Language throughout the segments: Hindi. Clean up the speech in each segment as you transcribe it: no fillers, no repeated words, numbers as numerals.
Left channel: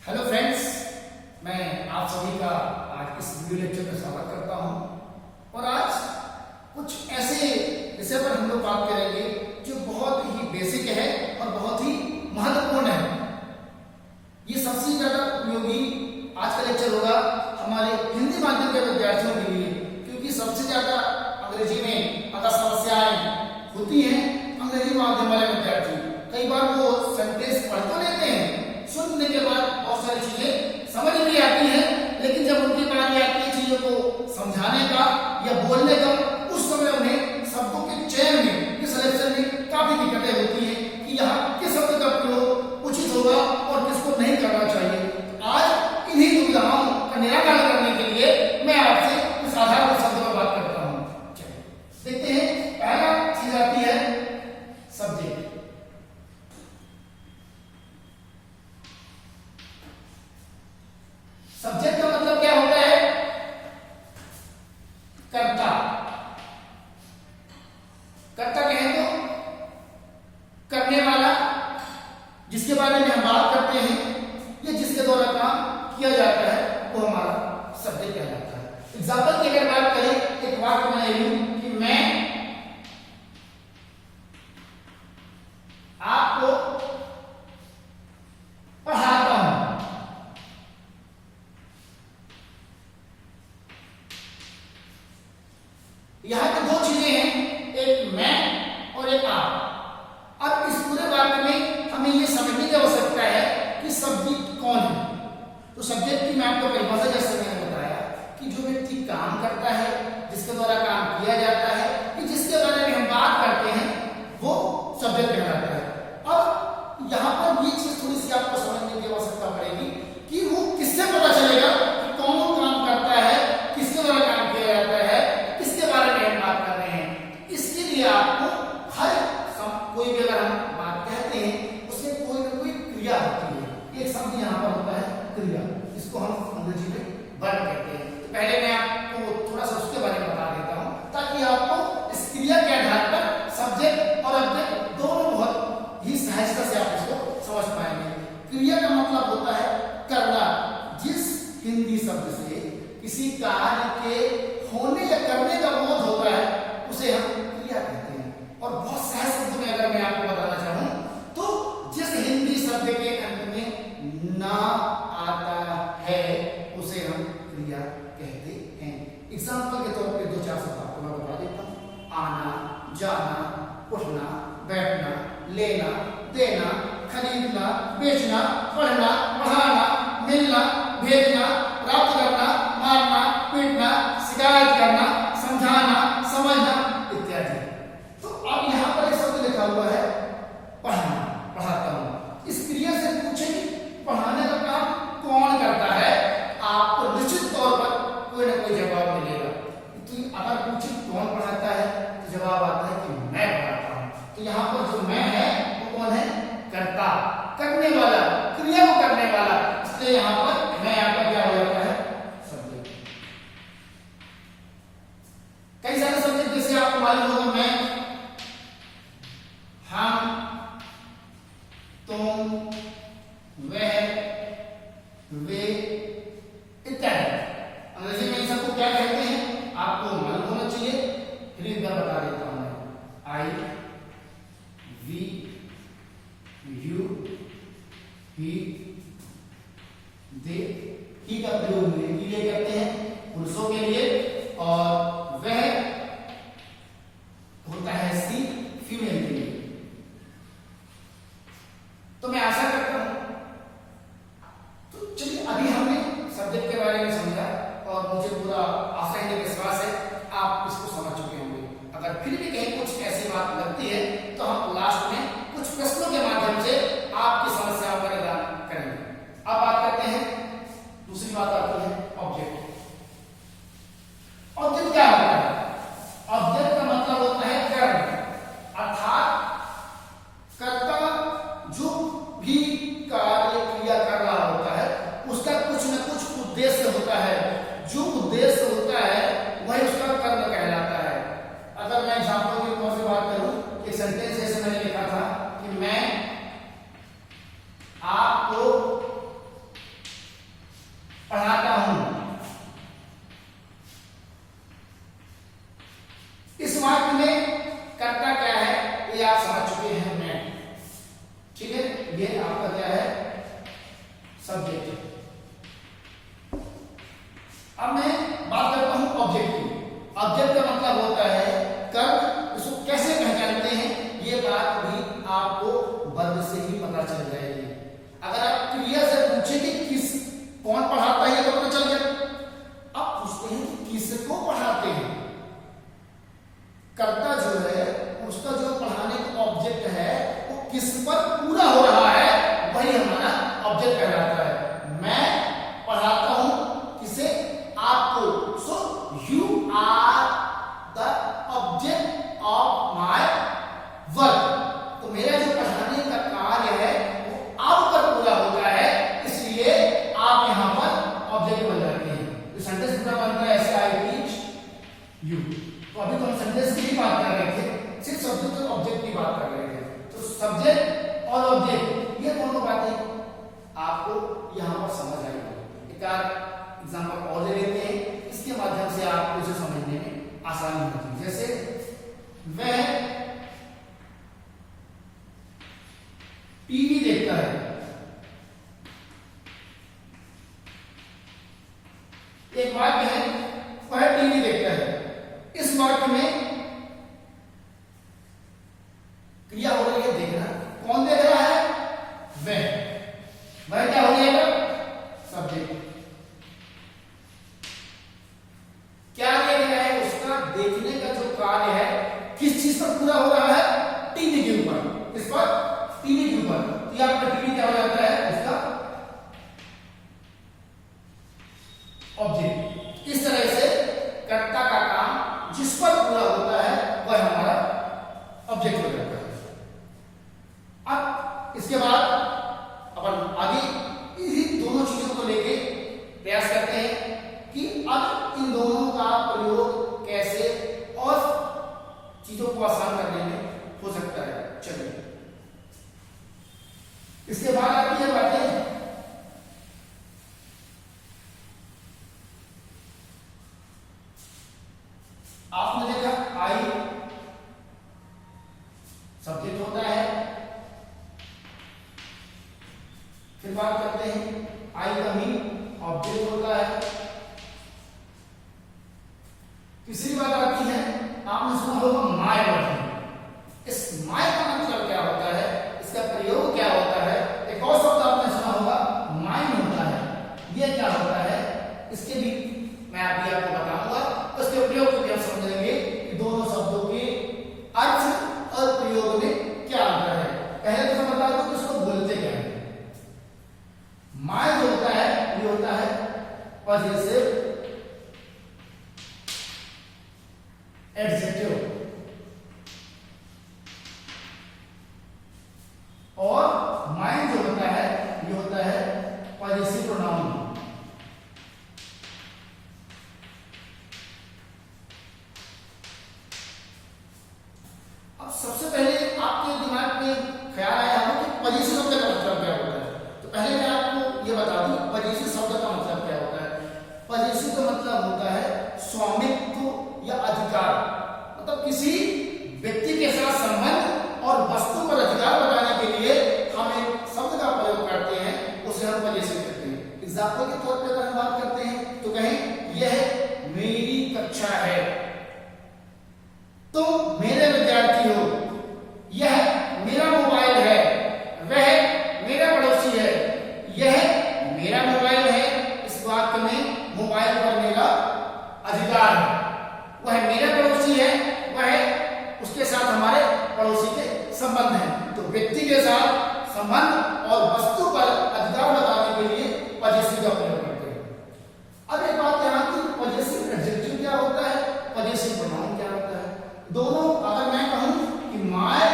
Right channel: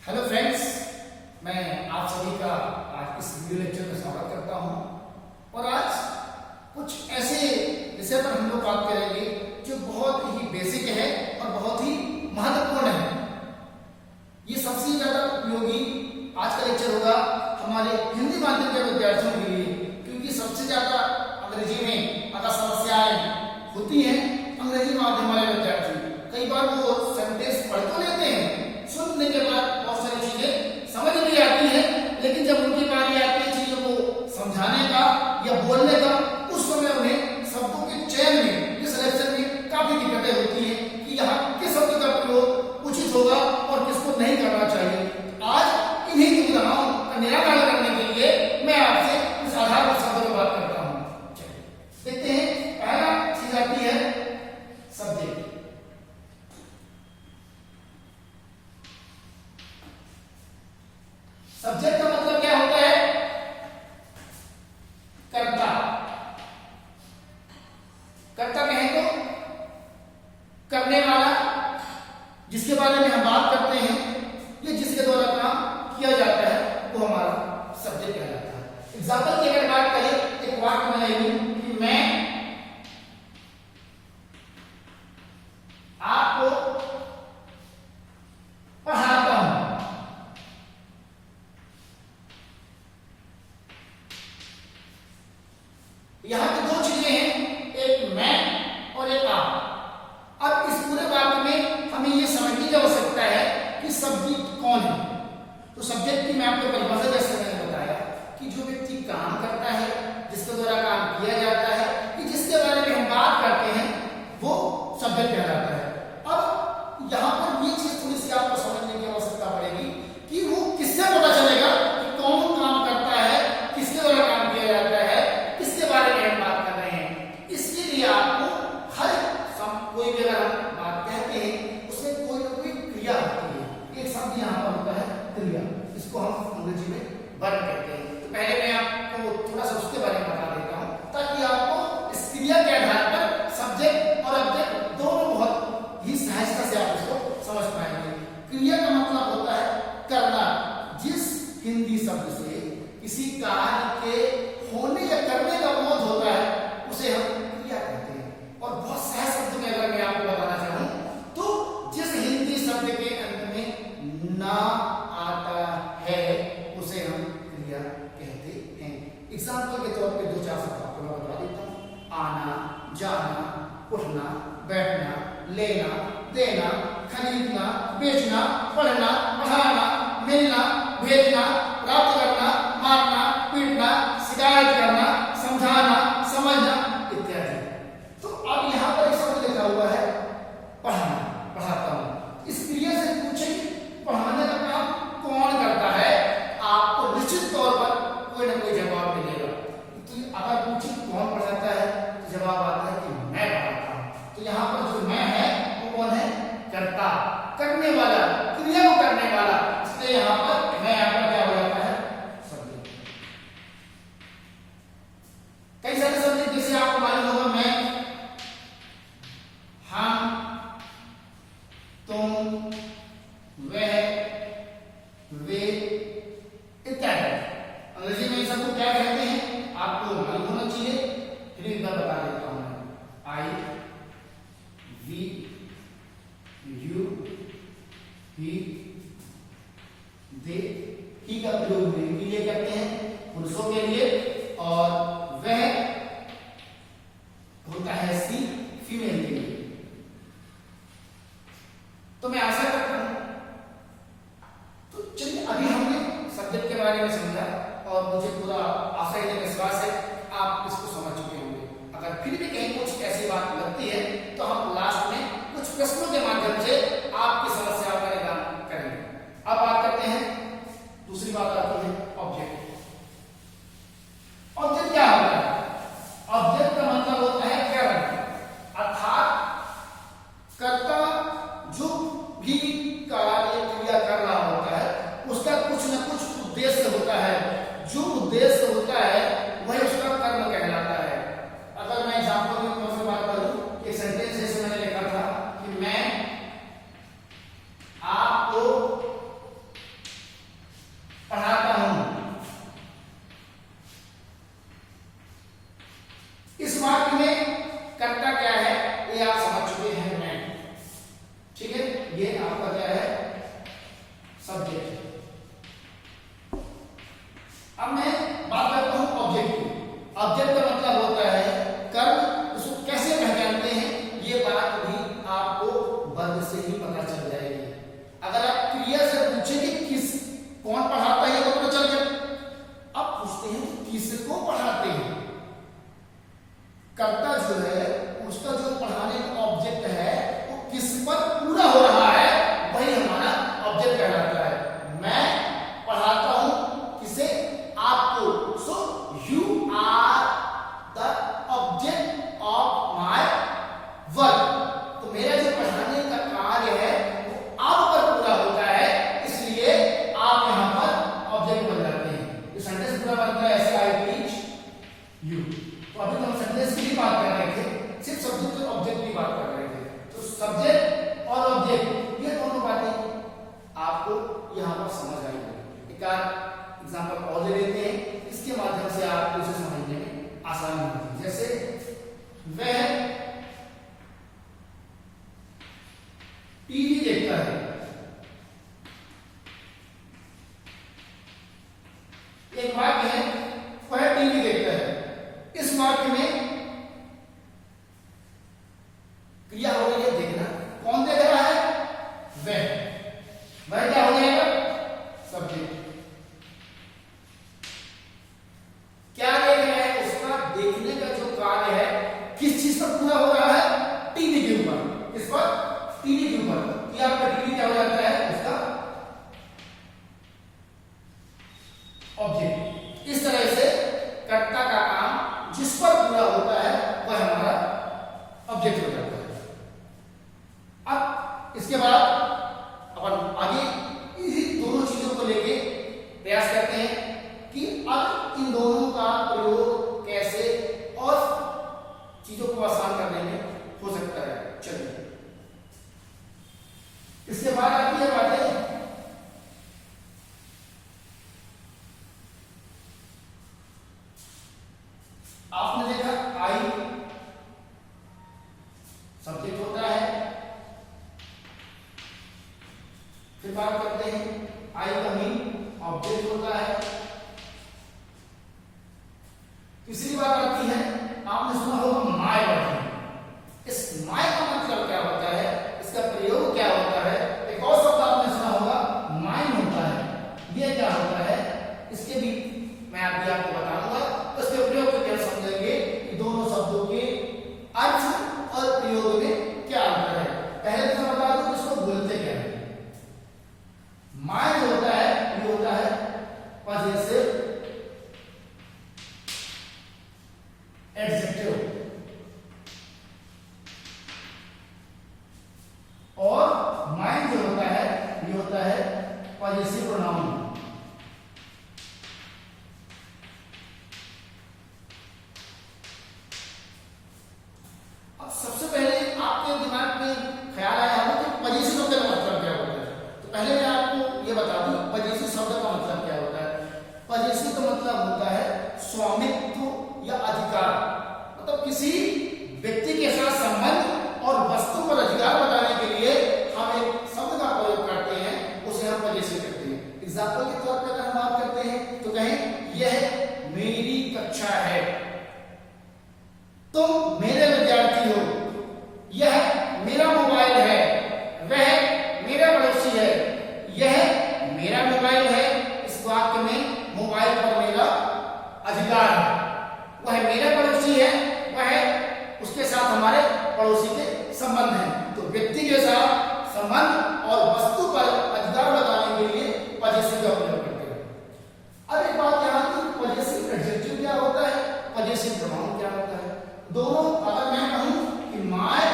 हेलो फ्रेंड्स, मैं आप सभी का आज इस वीडियो लेक्चर में स्वागत करता हूं। और आज कुछ ऐसे विषय पर हम लोग बात करेंगे जो बहुत ही बेसिक है और बहुत ही महत्वपूर्ण है। ये सबसे ज्यादा उपयोगी आज का लेक्चर होगा हमारे हिंदी माध्यम के विद्यार्थियों के लिए, क्योंकि सबसे ज्यादा अंग्रेजी में अगर समस्याएं होती हैं अंग्रेजी माध्यम वाले विद्यार्थी कई बार वो सेंटेंस पढ़ तो लेते हैं, सुनने के बाद बहुत सारी चीजें समझ भी आती है, लेकिन जब उनकी बारी आती है चीजों को समझाने का या बोलने का, उस समय उन्हें शब्दों के चयन में, सिलेक्शन में काफी दिक्कतें होती है कि यहाँ किस शब्द का प्रयोग उचित होगा और किसको नहीं करना चाहिए। आज इन्हीं दुविधाओं का निराकरण करने के लिए मैं आपसे कुछ आधारभूत शब्दों में बात करता हूँ। चलिए देखते हैं। पहला चीज आती है सब्जेक्ट। सब्जेक्ट का मतलब क्या होता है? कर्ता। कर्ता कहें तो करने वाला, जिसके बारे में हम बात करते हैं या जिसके द्वारा काम किया जाता है वो हमारा सब्जेक्ट कहलाता है। एग्जाम्पल की अगर बात करें, एक वाक्य में लूं कि मैं आपको पढ़ाता हूं। यहां पे दो चीजें हैं, एक मैं और एक आप। अब इस पूरे वाक्य में हमें यह समझने की आवश्यकता है कि सब्जेक्ट कौन है। तो सब्जेक्ट की मैं आपको परिभाषा जैसे मैंने बताया कि जो व्यक्ति काम करता है, जिसके द्वारा काम किया जाता है, कि जिसके बारे में हम बात करते हैं, वो सब्जेक्ट कहलाता है। अब यहां पर ये चीज थोड़ी सी आपको समझने की आवश्यकता पड़ेगी कि वो किससे पता चलेगा कि कौन काम करता है, किसके द्वारा काम किया जाता है, किसके बारे में हम बात कर रहे हैं। इसके लिए आपको हर कोई भी अगर हम बात कहते हैं उसमें कोई ना कोई क्रिया होती है। एक शब्द यहाँ पर होता है क्रिया, इसको हम अंग्रेजी में वर्ब कहते हैं। तो पहले मैं आपको थोड़ा सा उसके बारे में बता देता हूँ ताकि आपको इस क्रिया के आधार पर सब्जेक्ट और ऑब्जेक्ट दोनों बहुत ही सहजता से आप इसको समझ पाएंगे। क्रिया का मतलब होता है करना। जिस हिंदी शब्द से किसी कार्य के होने या करने का बोध होता है उसे हम क्रिया कहते हैं। और बहुत सहज शब्द में अगर मैं आपको बताना चाहूं तो जिस हिंदी शब्द के अंत में ना आता है उसे हम क्रिया कहते हैं। एग्जाम्पल के तौर पे दो चार शब्द आपको मैं बता देता हूं। आना, जाना, उठना, बैठना, लेना, देना, खरीदना, बेचना, पढ़ना, पढ़ाना, मिलना, भेजना, प्राप्त करना, मारना, पीटना, शिकायत करना, समझाना, समझना इत्यादि। तो अब यहां पर एक शब्द लिखा हुआ है पढ़ाना, पढ़ाता हूं। इस क्रिया से पूछे कि पढ़ाने का काम कौन करता है, आपको निश्चित तौर पर कोई ना कोई जवाब मिलेगा। तो अगर पूछे कौन पढ़ाता है तो जवाब आता है कि मैं पढ़ाता हूं। तो यहां पर जो मैं है वो कौन है? कर्ता, करने वाला, क्रिया को करने वाला। इसलिए यहां पर मैं आपका क्या हो जाता है? सब्जेक्ट। कई सारे शब्द जैसे आपको मालूम होगा मैं, हम, तुम, वह, वे इत्यादि। अंग्रेजी में इन सबको क्या कहते हैं आपको मालूम होना चाहिए, फिर एक बार बता देता हूं मैं। आई, वी, यू, ही, दे। ही का प्रयोग मेल के लिए करते हैं, पुरुषों के लिए, और वह होता है सी, फीमेल के लिए। तो मैं आशा करता हूं, तो चलिए अभी हमने सब्जेक्ट के बारे में समझा और मुझे पूरा आशा है, विश्वास है आप इसको समझ चुके होंगे। अगर फिर भी कहीं कुछ ऐसी बात लगती है तो हम लास्ट में कुछ प्रश्नों के माध्यम से आपकी समस्याओं का निदान करेंगे। अब बात करते हैं, दूसरी बात आती है ऑब्जेक्ट। ऑब्जेक्ट क्या होता है? ऑब्जेक्ट का मतलब होता है कर्म, अर्थात कर्ता जो भी कार्य क्रिया कर रहा होता है उसका कुछ न कुछ उद्देश्य होता है। जो उद्देश्य होता है वही उसका कर्म कहलाता है। अगर मैं एग्जाम्पल के तौर से बात करूं, एक सेंटेंस जैसे मैंने लिखा था कि मैं आपको आपका क्या है, सब्जेक्ट। अब मैं बात करता हूं ऑब्जेक्ट की। ऑब्जेक्ट का मतलब होता है कर्म। इसको कैसे पहचानते हैं ये बात भी आपको वर्ग से ही पता चल जाएगी। अगर आप क्रिया से पूछे कि किस कौन पढ़ाता है तो पता चल गया। अब पूछते हैं कि किसको पढ़ाते हैं। कर्ता जो है उसका जो पढ़ाने का ऑब्जेक्ट है वो किस पर पूरा हो रहा है, वही हमारा ऑब्जेक्ट कहलाता है। मैं पढ़ाता हूं किसे, आपको। So you are the object of my work. तो मेरा जो पढ़ाने का कार्य है वो आप पर पूरा होता है, इसलिए आप यहां पर ऑब्जेक्ट बन जाते हैं। तो सेंटेंस पूरा बनता है ऐसे, आई टीच यू। तो अभी तो हम सेंटेंस की बात कर रहे थे, सिर्फ सब्जेक्ट और ऑब्जेक्ट की बात कर रहे थे। तो सब्जेक्ट और ऑब्जेक्ट ये दोनों बातें आपको यहां पर समझ आएगी। एक एग्जांपल और ले लेते हैं, इसके माध्यम से आपको इसे समझने में आसानी होगी। जैसे वह टीवी देखता है। एक वाक्य है वह टीवी देखता है। इस वाक्य में क्रिया हो रही है देखना। कौन देख रहा है, वह क्या हो जाएगा, सब्जेक्ट। क्या देख रहा है, उसका देखने का जो कार्य है किस चीज पर पूरा हो रहा है, टीवी के ऊपर। किस पर, टीवी के ऊपर। तो आपका टीवी क्या हो जाता है, उसका ऑब्जेक्ट। इस तरह से कर्ता का काम जिस पर पूरा होता है वह हमारा ऑब्जेक्ट हो जाता है। अब इसके बाद अपन आगे इन्हीं दोनों चीजों को लेके प्रयास करते हैं कि अब इन दोनों का प्रयोग कैसे और चीजों को आसान करने में हो सकता है। चलिए, इसके बाद आती है बातें आपने देखा आई सब्जेक्ट होता है। फिर बात करते हैं आई का मी ऑब्जेक्ट होता है। तीसरी बात आती है, आपने सुना होगा माय वर्ड। इस माय का मतलब क्या होता है, इसका प्रयोग क्या होता है। एक और शब्द आपने सुना होगा माइन होता है। ये क्या होता है, इसके भी मैं अभी आपको बताऊंगा। उसके प्रयोग को क्या समझेंगे कि दोनों शब्दों के अर्थ और प्रयोग में क्या अंतर है। पहले तो मैं बता दूं कि इसको बोलते क्या है। माय जो होता है ये होता है पॉजिटिव एडजेक्टिव, और माइन जो होता है ये होता है पॉजिटिव प्रोनाउन। सबसे पहले आपके दिमाग में ख्याल आया होगा कि पॉजिटिव शब्द का मतलब क्या होता है। तो पहले मैं आपको यह बता दूं पॉजिटिव शब्द का मतलब क्या होता है। पॉजिटिव का मतलब होता है स्वामित्व या अधिकार। मतलब किसी व्यक्ति के साथ संबंध और वस्तु पर अधिकार बताने के लिए हम एक शब्द का प्रयोग करते हैं, उसे हम पॉजिटिव कहते हैं। एग्जाम्पल के तौर पर अगर हम बात करते हैं तो कहें यह मेरी कक्षा है, तुम मेरे विद्यार्थी हो, यह मेरा मोबाइल है, वह मेरा पड़ोसी है, यह मेरा मोबाइल है। इस वाक्य में मोबाइल पर मेरा अधिकार है। वह मेरा पड़ोसी है, वह उसके साथ हमारे पड़ोसी के संबंध हैं। तो व्यक्ति के साथ संबंध और वस्तु पर अधिकार बताने के लिए पॉजिटिव का प्रयोग करते हैं। अब एक बात यहां की, पॉजिटिव एडजेक्टिव क्या होता है, पॉजिटिव प्रोनाउन क्या होता है। दोनों अगर मैं कहूं कि माय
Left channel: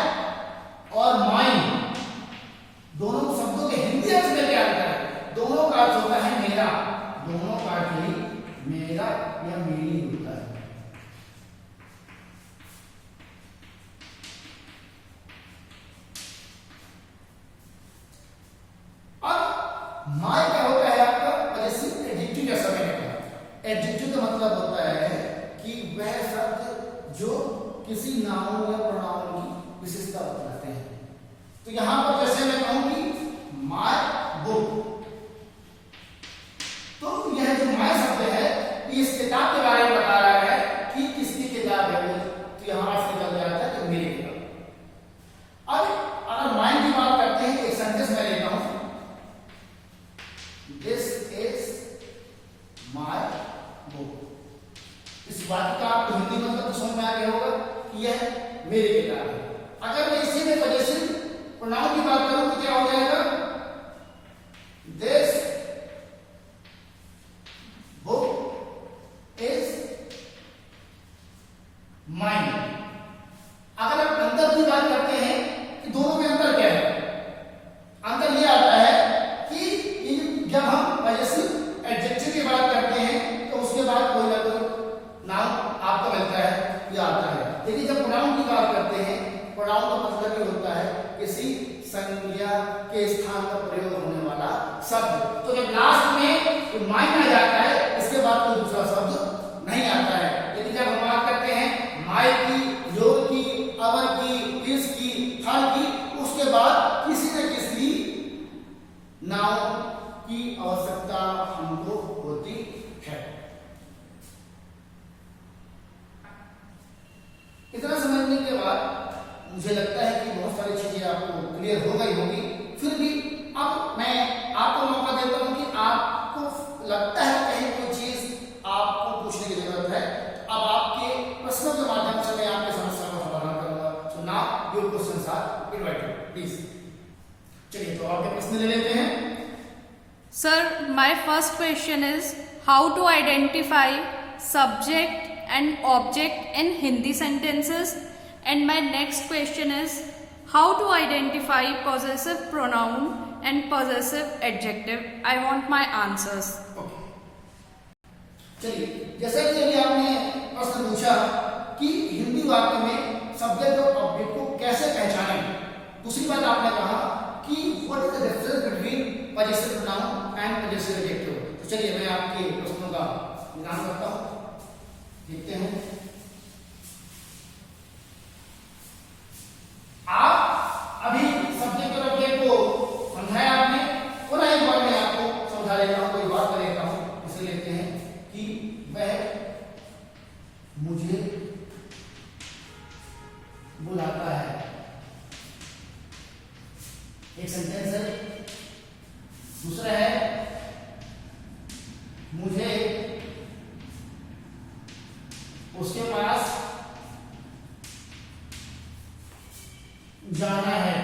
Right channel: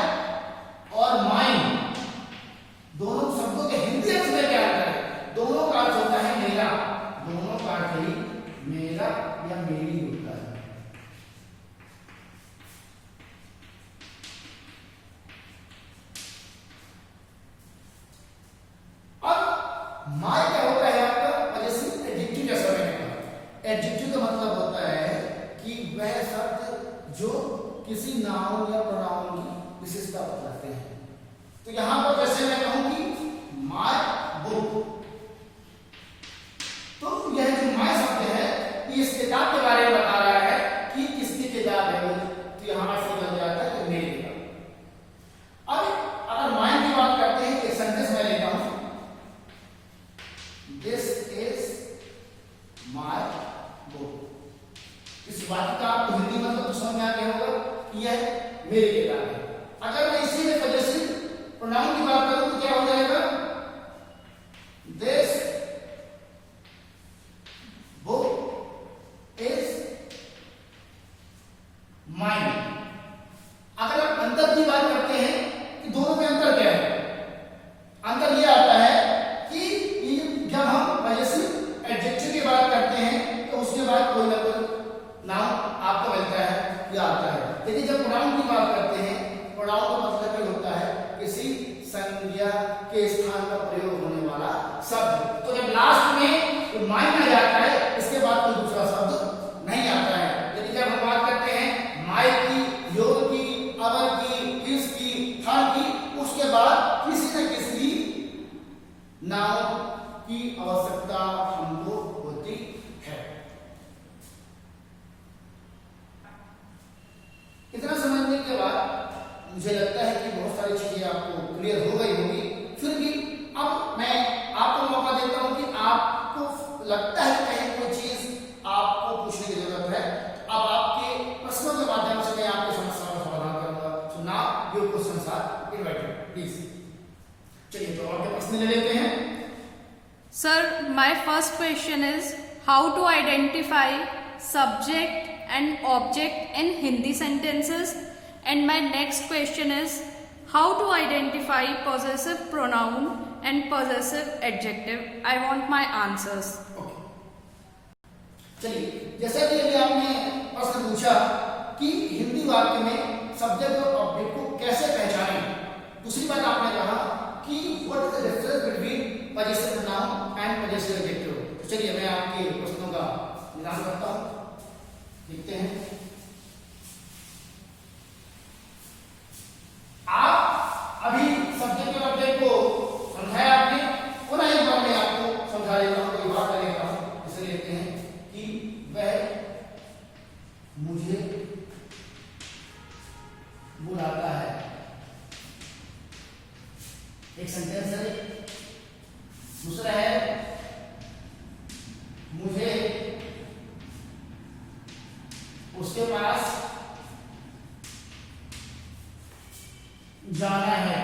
और माइन, दोनों शब्दों के हिंदी अर्थ में क्या होता है, दोनों का अर्थ होता है मेरा। दोनों का अर्थ ही मेरा या मेरी होता है। अब माय क्या होता है आपका पॉजिटिव एडजेक्टिव। जैसा मैंने कहा, एडजेक्टिव का मतलब होता है कि वह शब्द जो किसी नाउन या प्रोनाउन की विशेषता बताते हैं। तो यहां पर जैसे मैं कहूंगी माइन आ जाता है, इसके बाद कोई दूसरा शब्द नहीं आता है। यदि जब हम बात करते हैं माई की, योर की, अवर की, इस की, हर की, उसके बाद किसी न किसी नाउन की आवश्यकता हमको होती है। इतना समझने के बाद मुझे लगता है कि बहुत सारी चीजें आपको क्लियर हो गई होगी। फिर भी अब मैं आपको मौका देता हूं कि आपको लगता है कहीं कोई चीज आपको पूछने की जरूरत है, अब आपके प्रश्नों के माध्यम से मैं आपकी समस्या का समाधान करूंगा। So now your questions are invited, please. चलिए तो आपके प्रश्न ले लेते हैं। Sir, my first question is how to identify subject and object in Hindi sentences, and my next question is how to identify possessive pronoun and possessive adjective. I want my answers. चलिए, जैसा कि अभी आपने प्रश्न पूछा कि हिंदी वाक्य में सब्जेक्ट और ऑब्जेक्ट को कैसे पहचानें, दूसरी बात आपने कहा कि what is the difference between possessive pronoun and possessive adjective. तो चलिए मैं आपके प्रश्नों का निदान करता हूं, देखते हैं। आप अभी सब्जेक्ट और ऑब्जेक्ट को समझाया आपने, पुनः एक बार मैं आपको समझा देता हूं, कोई बात करेगा हूं। इसे लेते हैं कि वह मुझे बुलाता है, एक सेंटेंस है। दूसरा है मुझे उसके पास जाना है।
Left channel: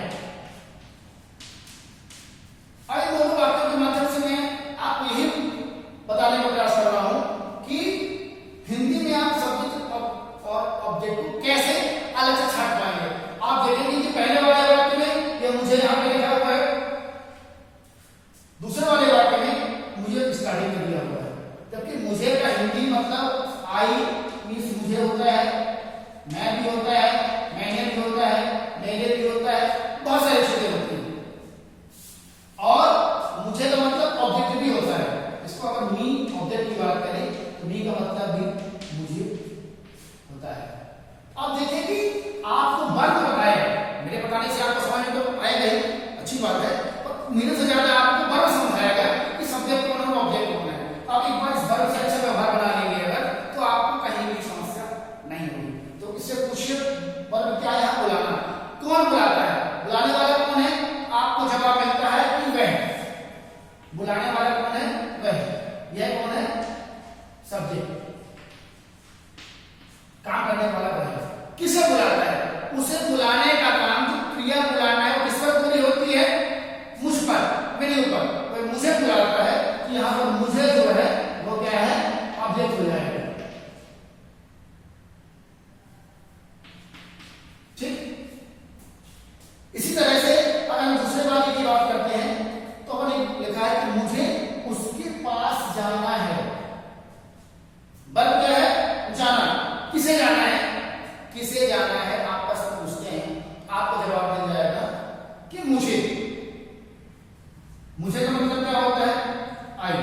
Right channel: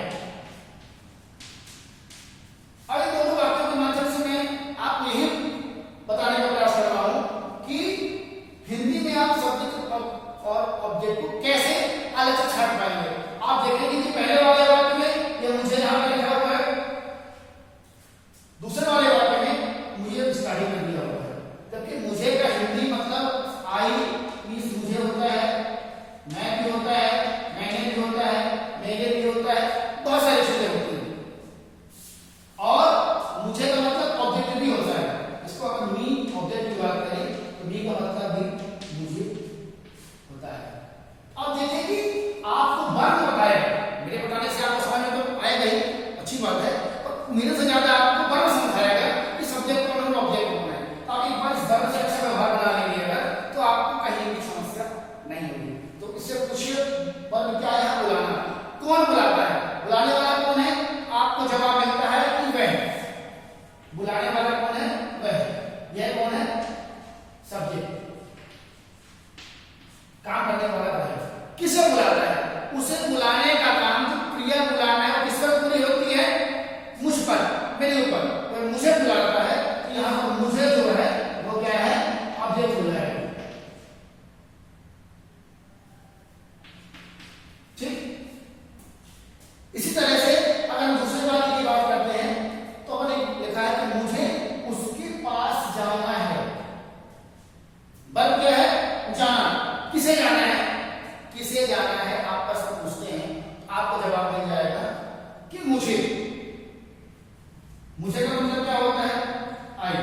अब इन दोनों वाक्यों के माध्यम से मैं आपको यही बताने का प्रयास कर रहा हूं कि हिंदी में आप सब्जेक्ट और ऑब्जेक्ट को कैसे अलग से छांट पाएंगे। आप देखेंगे कि पहले वाले वाक्य में ये मुझे यहां पे लिखा हुआ है, दूसरे वाले वाक्य में मुझे स्टार्टिंग में दिया हुआ है। जबकि मुझे का हिंदी मतलब आई मींस मुझे होता है, मैं भी होता है, मैंने भी होता है, मेरे भी होता है, बहुत सारी चीजें होती हैं। और मुझे का मतलब ऑब्जेक्ट भी होता है। इसको अगर मी ऑब्जेक्ट की बात करें तो मी का मतलब भी मुझे होता है। अब देखें कि आपको वर्ग बताए, मेरे बताने से आपको समझ में तो आएगा ही, अच्छी बात है, पर मेरे से ज्यादा आपको वर्ग समझाया गया कि सब्जेक्ट कौन है, ऑब्जेक्ट कौन है। तो आप एक बार इस वर्ग से अच्छा व्यवहार बना लेंगे अगर, तो आपको कहीं भी समस्या नहीं होगी। तो इससे पूछिए वर्ग क्या है, बुलाना। कौन बुलाता है, बुलाने वाला कौन है, आपको जवाब मिलता है कि वह। बुलाने वाला कौन है, वह। यह कौन है, सब्जेक्ट। काम करने वाला कौन है, किसे बुलाता है, उसे बुलाने का काम, जो क्रिया बुलाना है वो किस पर पूरी होती है, मुझ पर, मेरे ऊपर। तो मुझे बुलाता है, यहां पर मुझे जो है वो क्या है, ऑब्जेक्ट हो जाएगा। ठीक। इसी तरह से अगर हम दूसरे वाक्य की बात करते हैं तो हमने लिखा है कि मुझे उसके पास जाना है। वर्ब क्या है, जाना। किसे जाना है, किसे जाना है, आप प्रश्न पूछते हैं, आपको जवाब मिल जाएगा कि मुझे। मुझे का मतलब क्या होता है, आई।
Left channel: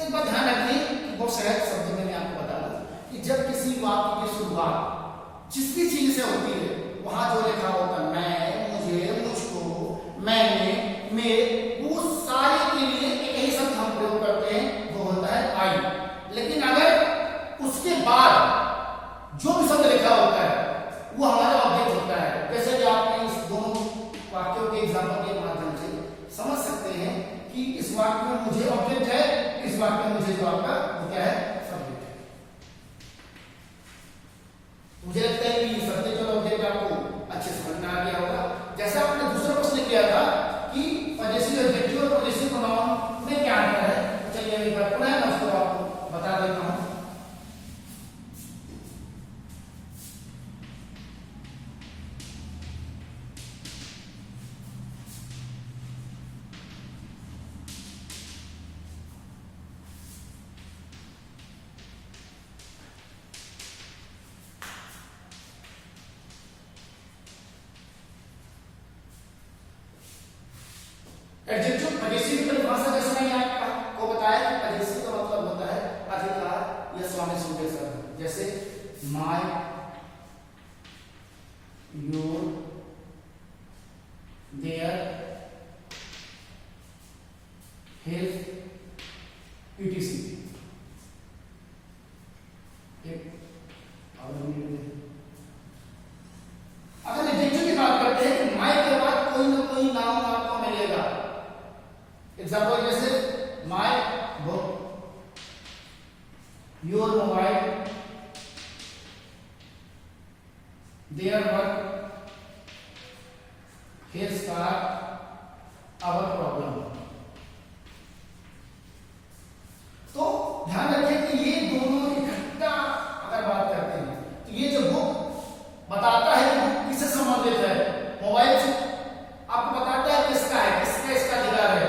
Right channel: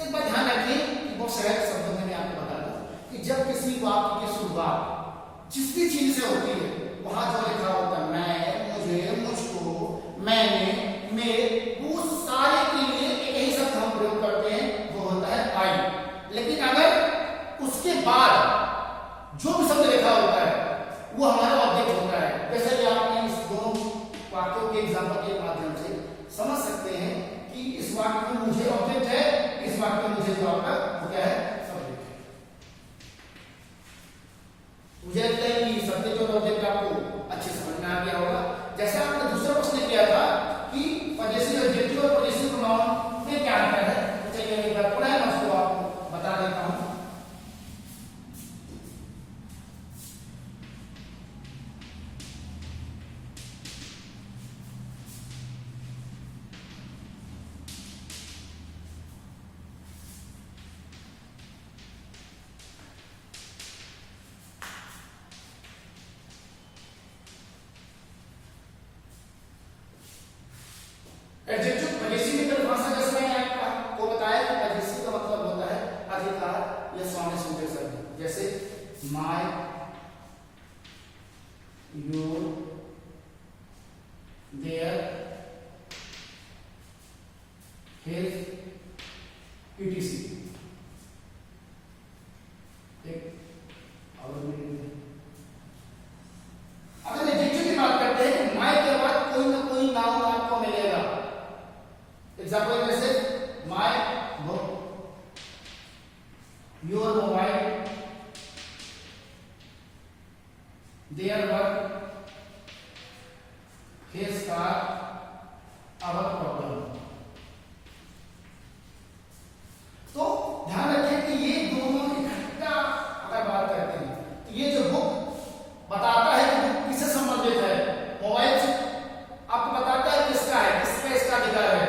एक बात ध्यान रखिए, बहुत सहज शब्दों में मैं आपको बता दूं कि जब किसी वाक्य की शुरुआत जिस भी चीज से होती है, वहां जो लिखा होता है मैं, मुझे, मुझको, मैंने, मेरे, वो सारे के लिए यही शब्द हम प्रयोग करते हैं, वो होता है आई। लेकिन अगर उसके बाद जो भी शब्द लिखा होता है वो हमारा ऑब्जेक्ट होता है। जैसे कि आपने इस दोनों वाक्यों के एग्जाम्पल के माध्यम से समझ सकते हैं कि इस वाक्य में मुझे ऑब्जेक्ट है, इस वाक्य में मुझे जो आपका वो क्या है, सब्जेक्ट है। मुझे लगता है कि सब्जेक्ट और ऑब्जेक्ट आपको अच्छे समझ में आ गया होगा। जैसे आपने दूसरा प्रश्न किया था कि पॉजेसिव एडजेक्टिव और पॉजेसिव प्रोनाउन में क्या अंतर है, तो चलिए एक बार पुनः मैं उसको आपको बता देता हूं। एडजेक्टिव पॉजेसिव की भाषा जैसे मैंने आपको आपको बताया कि पजेसिव का मतलब होता है अधिकार या स्वामी संदेशक। जैसे my, your, their, his, etc। अगर एडजेक्टिव की बात करते हैं कि माय के बाद कोई ना कोई नाउन आपको मिलेगा। एग्जाम्पल जैसे my book, your mobile, their work, his car, our problem. तो ध्यान रखें कि ये दोनों इकट्ठा अगर बात करते हैं तो ये जो बुक बताता है कि बुक किससे संबंधित है, मोबाइल से आपको बताता है किसका है, किसका इसका अधिकार है।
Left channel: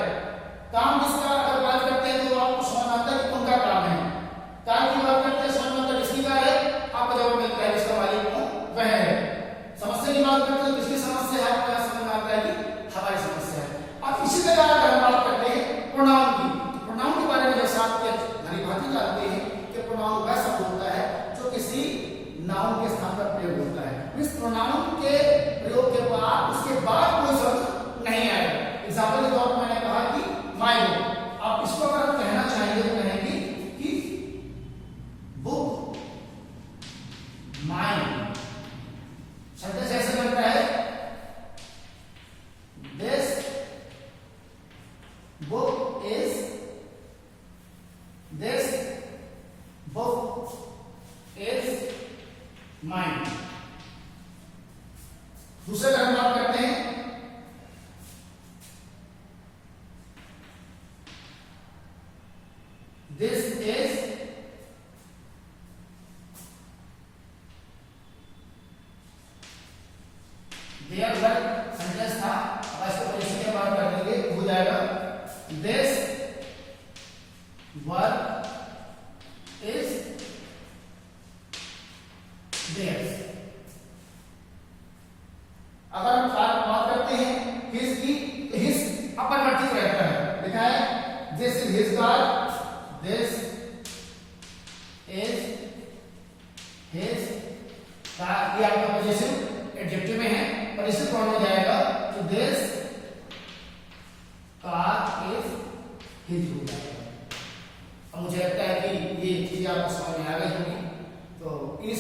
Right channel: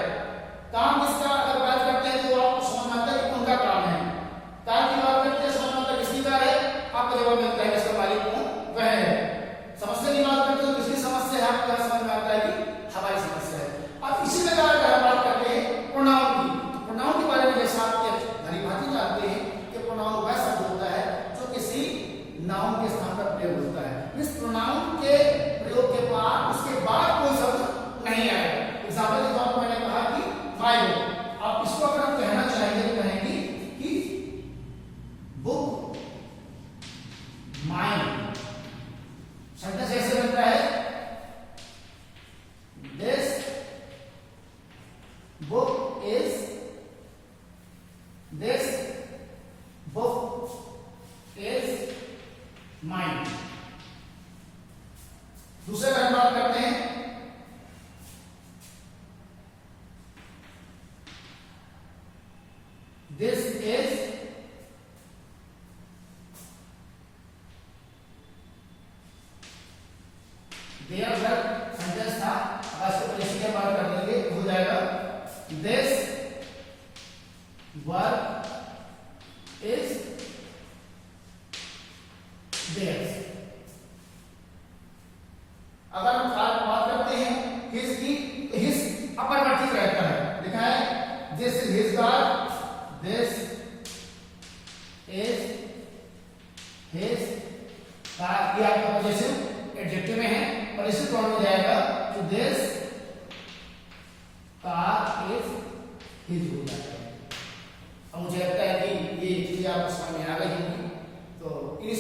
काम किसका अगर बात करते हैं तो आपको समझ में आता है कि उनका काम है। काम की बात करते हैं समझ में आता है किसकी कार है, आपको जवाब मिलता है इसका मालिक कौन, वह है। समस्या की बात करते हैं किसकी समस्या है, आपको समझ में आता है कि हमारी समस्या है। अब इसी प्रकार अगर हम बात करते हैं प्रोनाउन की, प्रोनाउन के बारे में जैसे आप भली भांति जानते हैं कि प्रोनाउन वह शब्द होता है जो किसी नाउन के स्थान पर प्रयोग होता है। मींस प्रोनाउन के प्रयोग के बाद उसके बाद कोई शब्द नहीं आएगा। एग्जाम्पल के तौर पर मैंने कहा कि माय बुक, आप इसको अगर हम कहना चाहेंगे तो कहेंगे कि बुक माइन। सेंटेंस ऐसे बनता है, this book is, this book is mine. दूसरे का हम बात करते हैं, this is their work. Sentence था, अब इसको पॉजिशन के बात कर लेंगे, हो जाएगा दिस वर्क इज देयर्स। अगर हम बात करते हैं हिज की, तो हिज अपरिवर्तित रहता है, लिखा है this is his car, this is his car. ये आपका पॉजिटिव एडजेक्टिव में है, और इसी फॉर्म में जाएगा तो दिस कार इज हिज हो जाएगा। अब मुझे लगता है कि ये चीज आपको समझ में आ गई होगी। तो ये